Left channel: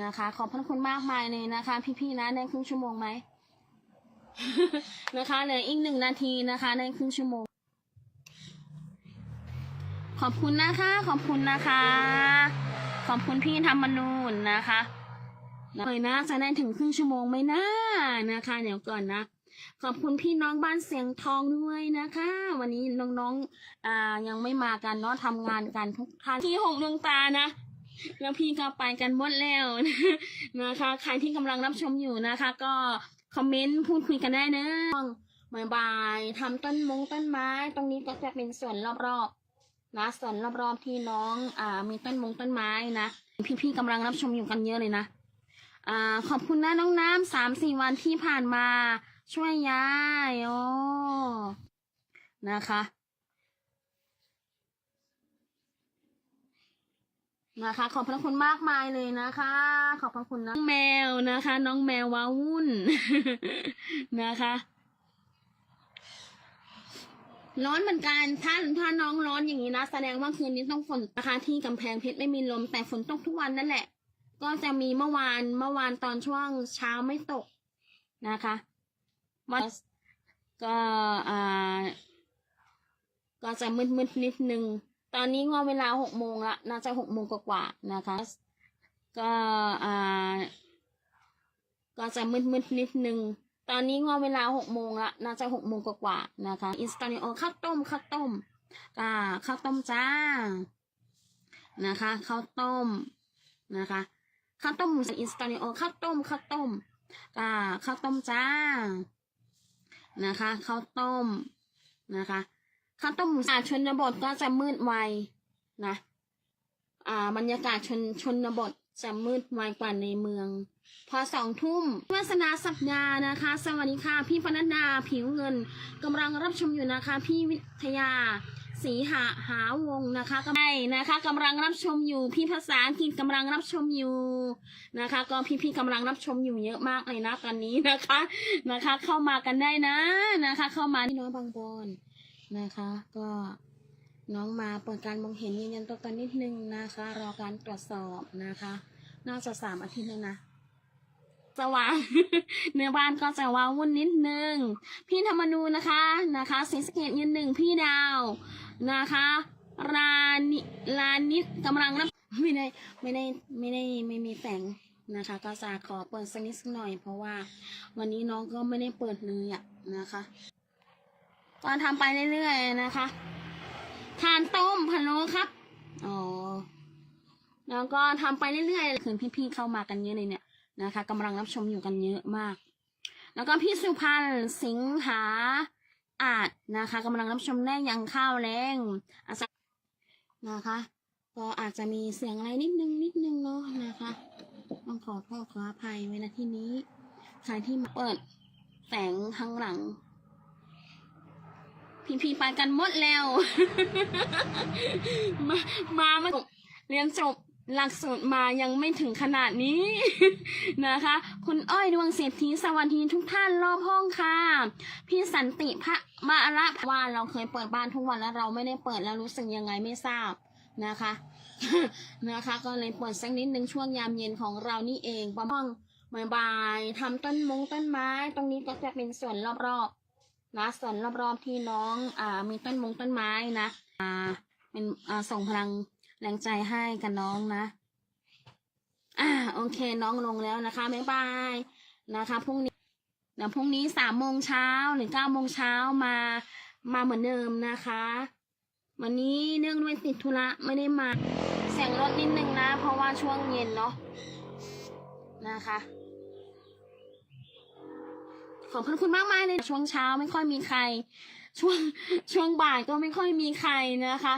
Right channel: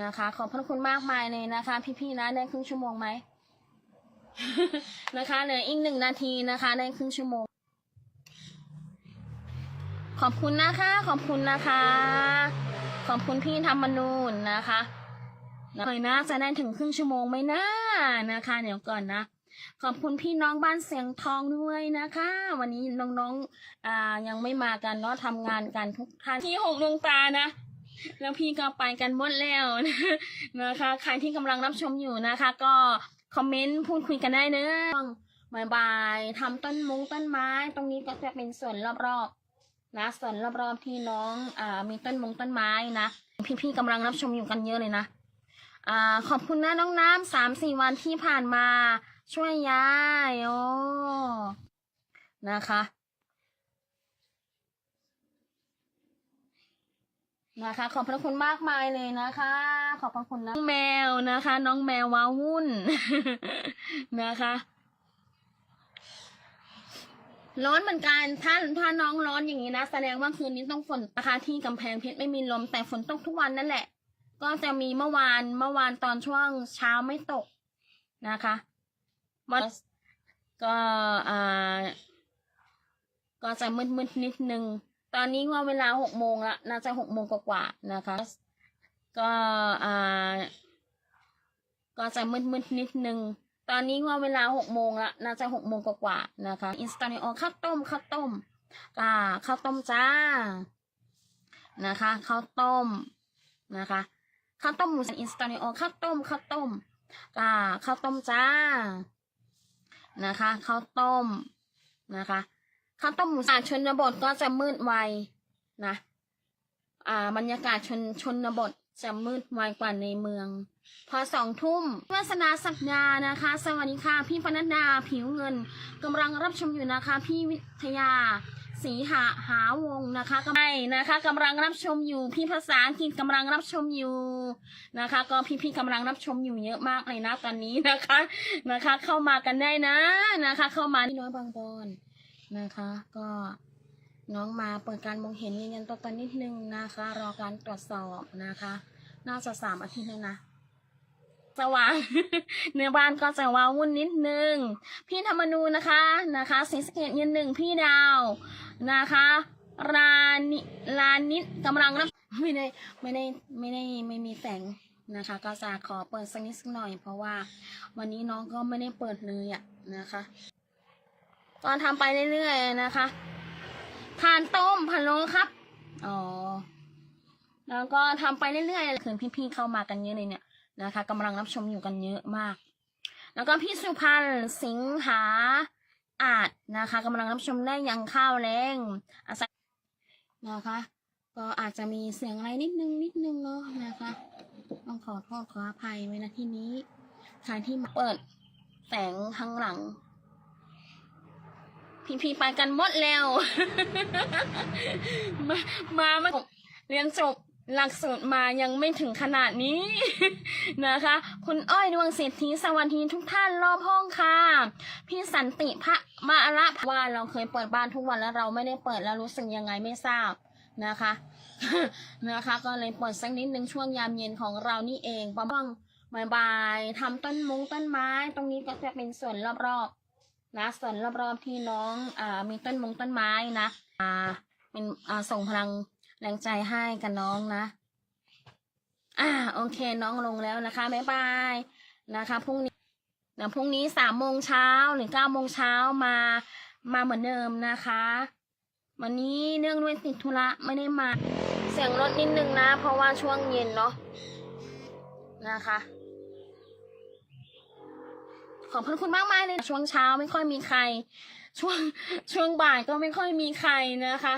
นะคะ ขอบพระคุณมากมายเลยนะคะ พี่ๆนะได้ครึ่งชั่วโมงไหม นะคะเหลืออีกหนึ่งนาทีนะคะ ได้ครึ่งชั่วโมง ขอบคุณนะคะ ขอบคุณนะคะ ขอบคุณพี่ธรรมนูนนะคะเลยนะจะได้ถึงครึ่งชั่วโมงไหมนะนะคะ เดี๋ยวก่อนนะขอบคุณพี่น้องบ้านเสียงทองด้วยนะคะ วันนี้น้องๆอ่ายังไม่มากันเนาะทำงานกันทุกท่านที่หกดวงตานะ แล้วพี่ก็ไปกันหมดแล้วนะคะ ใครที่กำลังรับชมอยู่นะคะ ก็คอมเมนต์พูดคุยกันได้เนอะบายบายทำต้นมงต้นไม้ ตรงนี้ก็จะเป็นส่วนรอบๆนะส่วนรอบๆที่น้องอ่ามีต้นมงต้นไม้นะ พี่ๆกำลังรับชมอยู่กันเยอะเลยนะอ่าขอบคุณนะน้องน้ำสามสี่วันที่ผ่านมาช่วยยายโอ้นะคะ นะคะ ขอบพระคุณมากมายเลยนะคะ ขอบพระคุณนะน้องแมวนะคะ น้องแมวว้าวุ่นนะคะร้อนเหมือนกันถ้าถ้าน้องร้อนอย่างนี้นะ แสดงว่าคืนนี้ต้องฝนนะคะที่กำแพงเพชรไม่มีลมแต่ฝนตกทุกวันนั่นแหละ ก็จะมีเมื่อวานเมื่อวานตอนช่วงเช้าไม่ตกนะคะวันก็อ่าก็จะมืดมืดๆนิดนึง ตอนนี้ว่าเวลาหกโมงละน่าจะหกโมงกว่าๆนะคะ ก็อ่าก็จะมืดๆนิดนึง ตอนนี้ว่าเวลาหกโมงละน่าจะหกโมงกว่าๆนะคะ อินสตาเนโอข้าวต้มข้าวต้มอ่าข้าวต้มจ้า นะคะข้าวต้มนะคะข้าวต้มหมูสันอินสตาเนโอข้าวต้มข้าวต้มอ่าข้าวต้มจ้า นะคะข้าวต้มนะคะ ข้าต้มหมูสับชนบทก็จะมืดไวนะ อ่า บรรยากาศชนชนบทจะมืดไวกว่าในเมือง พอสองทุ่มวาสนาสักดานะคะ สวัสดีค่ะ พี่ปนัดดาผิวเงินกำลังรับชมอยู่นะคะ พี่วิทยาศรีหาหาวงนะคะก็ไม่นะคะกำลังรับชมอยู่พี่ภาษาอังกฤษกำลังรับชมอยู่นะคะ ก็พี่ๆกำลังรับชมอยู่เยอะมากเลยนะตอนนี้นะคะนะคะ เข้ามากันได้นะนะคะ เข้ามาที่น้อยบางบอน นะคะ ก็น้องมาเปิดการมองเห็นยืนยันตัวตนนิดนึงนะคะ รอการตรวจสอบนะคะ น่าจะสามอาทิตย์แล้วนะสว่างเนื้อบ้านก็จะว้าวุ่นนิดนึง พี่ธรรมนูนะคะนะคะสิงสเกตเงินหนึ่งพี่ดาวนะคะรานิลานิดกำลังรับไม่ได้ไม่ได้ไม่ได้ไม่มีแสงนะคะ ก็จะขอเปิดสักนิดสักหน่อย เพราะว่าวันนี้น้องก็ไม่ได้เปิดเลยอะนะคะ ตอนทำไปเรื่อยๆนะคะทานต้มพะโล้ครับ อ๋อ แล้วก็ทำไปเรื่อยๆคืนพี่ๆเข้ามากันเยอะเลยเนี่ยนะคะกำลังรับชมอยู่กันเยอะมาก แล้วก็พี่สุพันธ์สิงหาอาจนะคะกำลังรับชมได้ยังข้าวแรงอาศัยนะคะ ก็อาจจะมีเสียงอะไรนิดนึงนิดนึงเนาะนะคะ ต้องขอโทษขออภัยไว้นะที่นี้ใครที่มาเปิดแสงข้างหลัง พี่ๆไปกันหมดแล้ว มามามาเรียนจบหลักสูตรมายังไม่ถึงขนาดนี้ นะคะ คุณอ้อยดวงเศรษฐีสวัสดีทุกท่านรอบห้องค่ะ พี่สันติพระมาละว่าเราเคยเปิดบ้านทุกวันแล้วเราไม่ได้เปิดแล้วรู้สึกยังไงไม่ทราบนะคะ นะคะก็เลยเปิดสักนิดนึงช่วงยามเย็นของเรานี่เองประมาณบ่ายๆทำต้นมงต้นไม้ ตรงนี้ก็จะเป็นส่วนรอบๆ นะส่วนรอบๆที่น้องอ่ามีต้นมงต้นไม้นะอ่าเป็นอ่าส่งพลังแรงใจให้กับน้องนะอ่าโอเคน้องลงแล้วนะคะบ๊ายบายนะคะพรุ่งนี้เดี๋ยวพรุ่งนี้สามโมงเช้าหรือเก้าโมงเช้ามามาเหมือนเดิมนะคะ วันนี้เนื่องด้วยติดธุระไม่ได้มา เสียงรถนิดนึงนะ เพราะว่าช่วงเย็นเนาะนะคะ ขอบพระคุณมากมากเลยช่วงเช้าไม่ค่อยมีใคร ช่วงช่วงบ่ายก็ไม่ค่อยมีใครนะคะ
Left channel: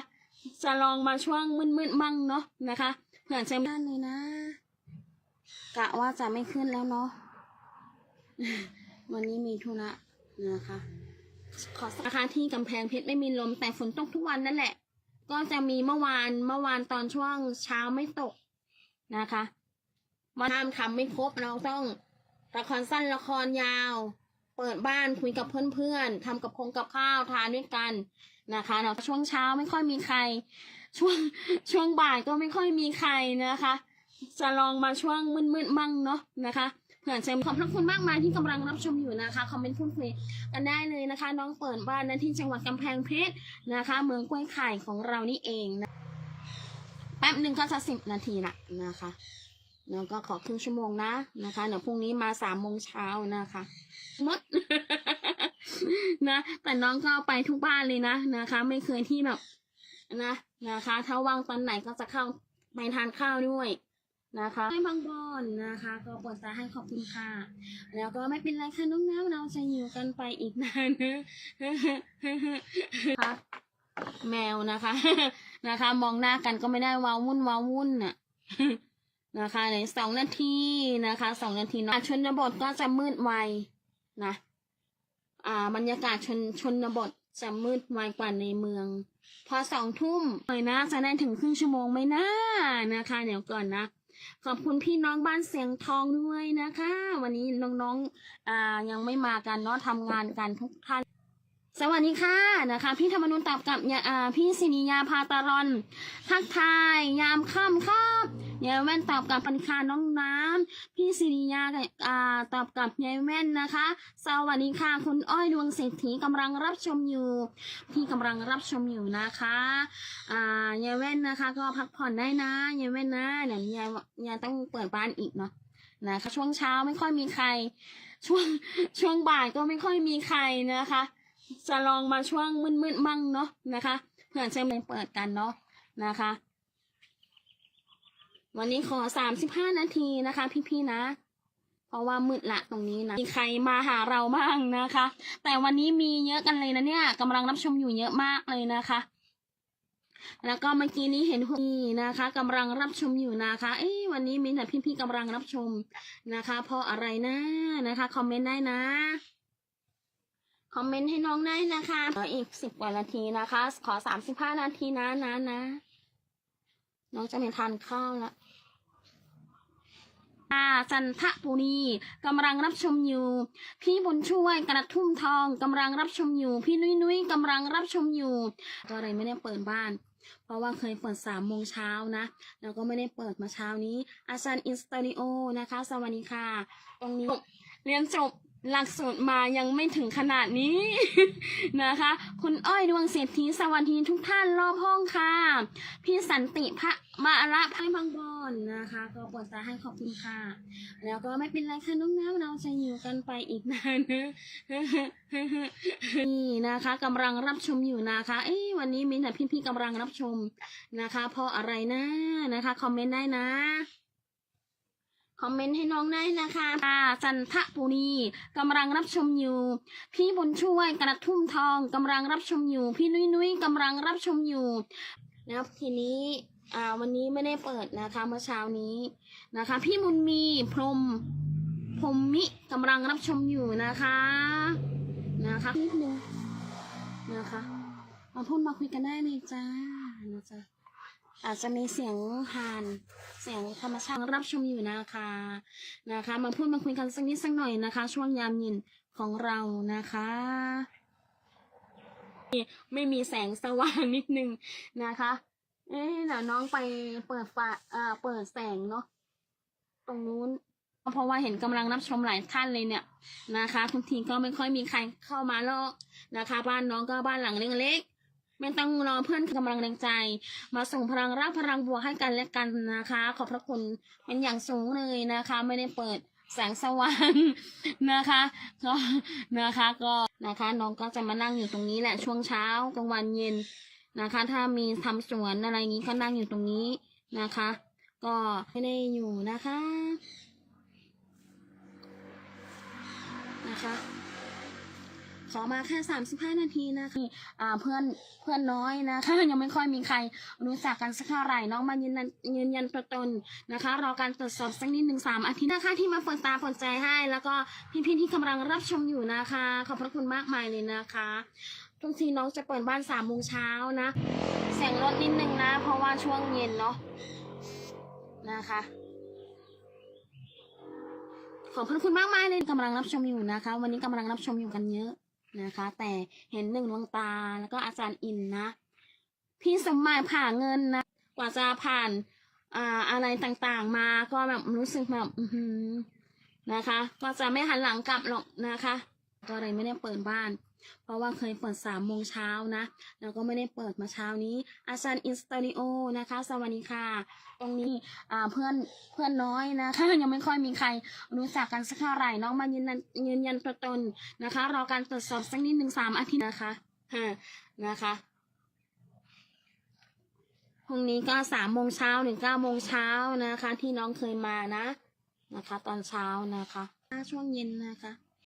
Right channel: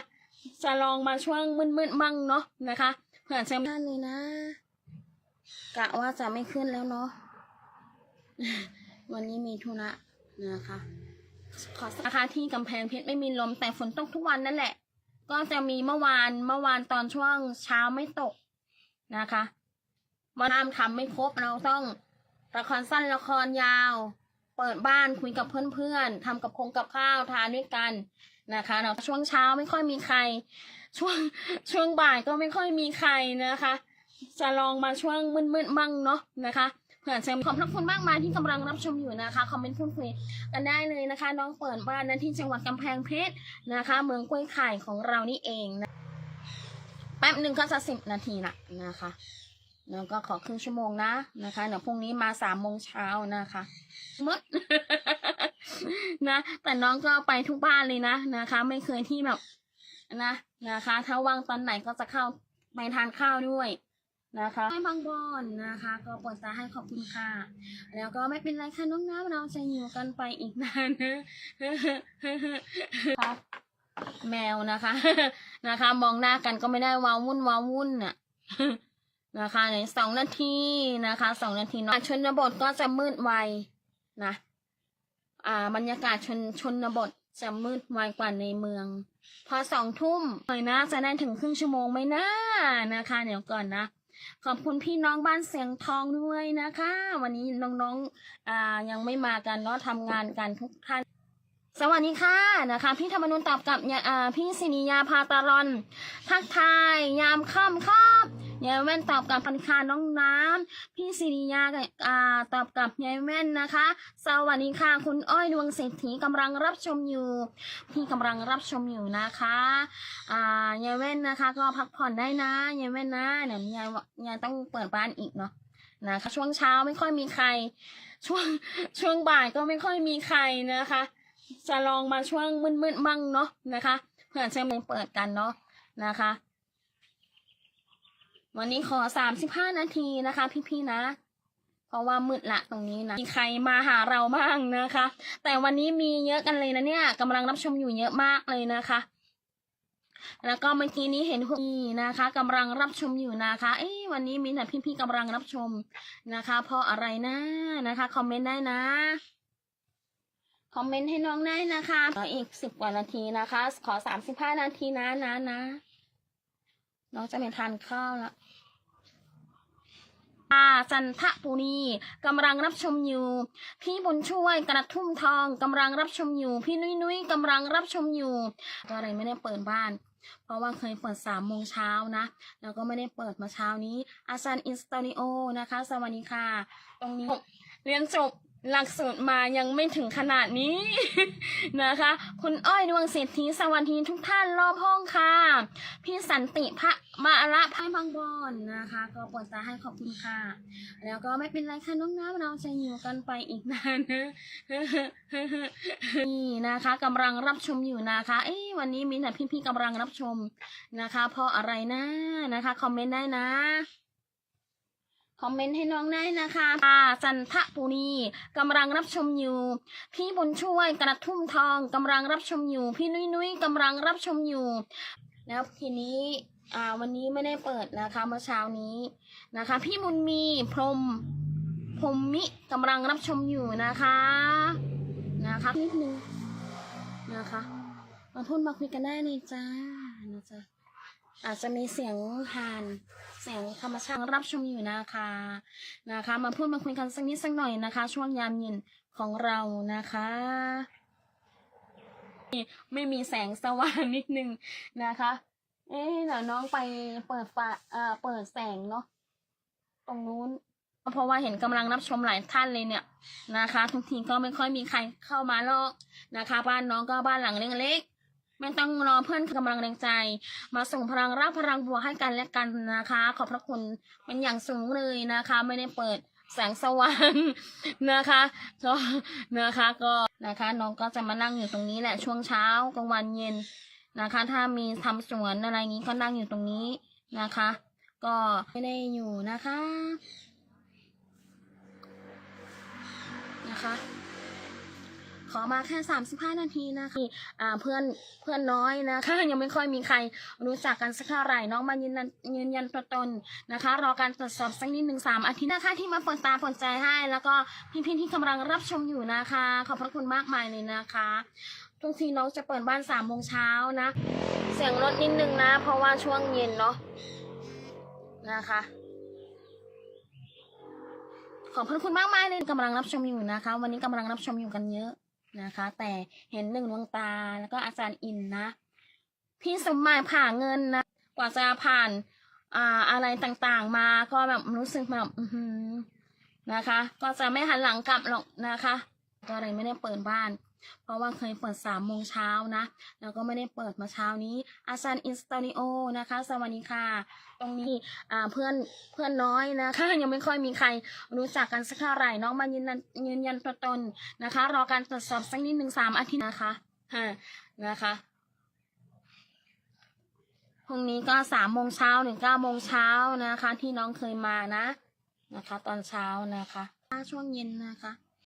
จะลองมาช่วงมืดๆมั่งเนาะนะคะเผื่อจะท่านเลยนะกะว่าจะไม่ขึ้นแล้วเนาะวันนี้มีธุระนะคะ ขอราคาที่กำแพงเพชรไม่มีลมแต่ฝนตกทุกวันนั่นแหละ ก็จะมีเมื่อวานเมื่อวานตอนช่วงเช้าไม่ตกนะคะวันน้ำทำไม่ครบเราต้องละครสั้นละครยาว เปิดบ้านคุยกับเพื่อนๆทำกับคงกับข้าวทานด้วยกันนะคะเราช่วงเช้าไม่ค่อยมีใคร ช่วงช่วงบ่ายก็ไม่ค่อยมีใครนะคะ จะลองมาช่วงมืดๆมั่งเนาะนะคะเผื่อจะขอบพระคุณมากมายที่กำลังรับชมอยู่นะคะคอมเมนต์พูดคุยกันได้เลยนะคะ น้องเปิดบ้านนั้นที่จังหวัดกำแพงเพชรนะคะ เมืองกล้วยไข่ของเรานี่เองนะแป๊บหนึ่งก็จะสิบนาทีละนะคะ แล้วก็ขอครึ่งชั่วโมงนะนะคะเดี๋ยวพรุ่งนี้มาสามโมงเช้านะคะมดนะแต่น้องก็ไปทุกบ้านเลยนะนะคะ ไม่เคยที่แบบนะนะคะ ถ้าว่างตอนไหนก็จะเข้าไปทานข้าวด้วยนะคะให้บางบอนนะคะ ก็ปวดตาให้ขอบคุณค่ะ แล้วก็ไม่เป็นไรค่ะน้องน้ำเราจะอยู่กันไปอีกนานนะครับแมวนะคะ นะคะ มองหน้ากันก็ไม่ได้ว้าวุ่นว้าวุ่นน่ะ นะคะในสองนาทีนะคะสองนาทีเนาะชนบทก็จะมืดไวนะอ่าบรรยากาศชนชนบทจะมืดไวกว่าในเมือง พอสองทุ่มเลยนะจะได้ถึงครึ่งชั่วโมงไหมนะนะคะ เดี๋ยวก่อนนะ ขอบคุณพี่น้องบ้านเสียงทองด้วยนะคะ วันนี้น้องๆอ่ายังไม่มากันเนาะทำงานกันทุกท่านสวัสดีค่ะนะคะ พี่ธรรมนุนตอบกับเนี่ยอ่าพี่สินิยาพาตารอน ทักทาย ยามค่ำครับ ยายแว่นตอบกับปณิคาน้องน้ำพี่สิริยากับอ่าตอบกับยายแว่นนะคะ สวัสดีค่ะ คุณอ้อยดวงเศรษฐีกำลังรับชมอยู่พี่กำลังรับชมอยู่นะคะอ่ายายแว่นนะคะ ก็พักผ่อนได้นะยายแว่นนะเดี๋ยวยายยายต้องเปิดบ้านอีกเนาะนะคะช่วงเช้าไม่ค่อยมีใคร ช่วงช่วงบ่ายก็ไม่ค่อยมีใครนะคะ จะลองมาช่วงมืดๆมั่งเนาะนะคะเพื่อจะไม่เปิดกันเนาะนะคะ วันนี้ขอสามสิบห้านาทีนะคะ พี่ๆนะ เพราะว่ามืดละตรงนี้นะมีใครมาหาเราบ้างนะคะ แต่วันนี้มีเยอะกันเลยนะเนี่ยกำลังรับชมอยู่เยอะมากเลยนะคะ แล้วก็เมื่อกี้นี้เห็นพี่นะคะกำลังรับชมอยู่นะคะ เอ้วันนี้มีแต่พี่ๆกำลังรับชมนะคะ เพราะอะไรนะนะคะคอมเมนต์ได้นะคอมเมนต์ให้น้องได้นะคะออีกสิบกว่านาทีนะคะ ขอสามสิบห้านาทีนะนะนะ น้องจะไปทานข้าวแล้วาจันทปุรีกำลังรับชมอยู่ พี่บุญช่วยกระทุ่มทองกำลังรับชมอยู่ พี่นุ้ยนุ้ยกำลังรับชมอยู่ก็เลยไม่ได้เปิดบ้าน เพราะว่าเคยเปิดสามโมงเช้านะ แล้วก็ไม่ได้เปิดมาเช้านี้ อาจารย์อินสตาดิโอนะคะ สวัสดีค่ะ ตรงนี้เรียนจบ หลักสูตรมายังไม่ถึงขนาดนี้ นะคะ คุณอ้อยดวงเศรษฐีสวัสดีทุกท่านรอบห้องค่ะ พี่สันติพระมาละพายบางบอนนะคะ ก็ปวดตาให้ขอบคุณค่ะ แล้วก็ไม่เป็นไรค่ะน้องน้ำเราจะอยู่กันไปอีกนานนะนี่นะคะกำลังรับชมอยู่นะคะ เอ้วันนี้มีแต่พี่ๆกำลังรับชมนะคะ เพราะอะไรนะนะคะคอมเมนต์ได้นะ อมเมนต์ให้น้องได้นะคะอาจันทบุรีกำลังรับชมอยู่ พี่บุญช่วยกระทุ่มทองกำลังรับชมอยู่ พี่นุ้ยนุ้ยกำลังรับชมอยู่แล้วทีนี้อ่าวันนี้ไม่ได้เปิดนะคะเมื่อเช้านี้นะคะ พี่มุนมีพรหมพรหมมิกำลังรับชมอยู่นะคะนะคะนิดนึงนะคะมาพูดมาคุยกันได้เลยจ้านะจ๊ะ อาจจะมีเสียงผ่านเสียงธรรมชาติรับชมอยู่นะคะนะคะ มาพูดมาคุยกันสักนิดสักหน่อยนะคะ ช่วงยามเย็นของเรานะคะไม่มีแสงสว่างนิดนึงนะคะ เอ๊ะเดี๋ยวน้องไปเปิดไฟอ่าเปิดแสงเนาะตรงนู้น เพราะว่าเห็นกำลังรับชมหลายท่านเลยเนี่ยนะคะทุกทีก็ไม่ค่อยมีใครเข้ามาหรอกนะคะ บ้านน้องก็บ้านหลังเล็กๆ ไม่ต้องรอเพื่อนกำลังแรงใจ มาส่งพลังรักพลังบวกให้กันและกันนะคะ ขอบพระคุณเป็นอย่างสูงเลยนะคะ ไม่ได้เปิดแสงสว่างนะคะก็นะคะก็นะคะน้องก็จะมานั่งอยู่ตรงนี้แหละช่วงเช้ากลางวันเย็นนะคะ ถ้ามีทำสวนอะไรนี้ก็นั่งอยู่ตรงนี้นะคะ ก็ไม่ได้อยู่นะคะนะคะ ขอมาแค่สามสิบห้านาทีนะคะอ่าเพื่อนเพื่อนน้อยนะคะยังไม่ค่อยมีใครรู้จักกันสักเท่าไหร่น้องมายืนยันยืนยันตัวตนนะคะ รอการตรวจสอบสักนิดหนึ่งสามอาทิตย์นะคะที่มาเปิดตาเปิดใจให้ แล้วก็พี่ๆที่กำลังรับชมอยู่นะคะ ขอบพระคุณมากมายเลยนะคะทุกทีน้องจะเปิดบ้านสามโมงเช้านะเสียงรถนิดนึงนะ เพราะว่าช่วงเย็นเนาะนะคะขอบพระคุณมากมายเลยกำลังรับชมอยู่นะคะ วันนี้กำลังรับชมอยู่กันเยอะ นะคะ แต่เห็นหนึ่งดวงตาแล้วก็อาจารย์อินนะ พี่สมหมายผ่าเงินนะ กว่าจะผ่านอ่าอะไรต่างๆมาก็แบบรู้สึกแบบนะคะ ก็จะไม่หันหลังกลับหรอกนะคะ ก็เลยไม่ได้เปิดบ้าน เพราะว่าเคยเปิดสามโมงเช้านะ แล้วก็ไม่ได้เปิดมาเช้านี้ อาจารย์อินสตูดิโอนะคะ สวัสดีค่ะ ตรงนี้เพื่อนเพื่อนน้อยนะคะยังไม่ค่อยมีใครรู้จักกันสักเท่าไหร่น้องมายืนยันยืนยันตัวตนนะคะ รอการตรวจสอบสักนิดหนึ่งสามอาทิตย์นะคะฮะนะคะพรุ่งนี้ก็สามโมงเช้าถึงเก้าโมงเช้านะคะ ที่น้องเคยมานะ นะคะ ตอนเช้านะคะ ช่วงเย็นนะคะ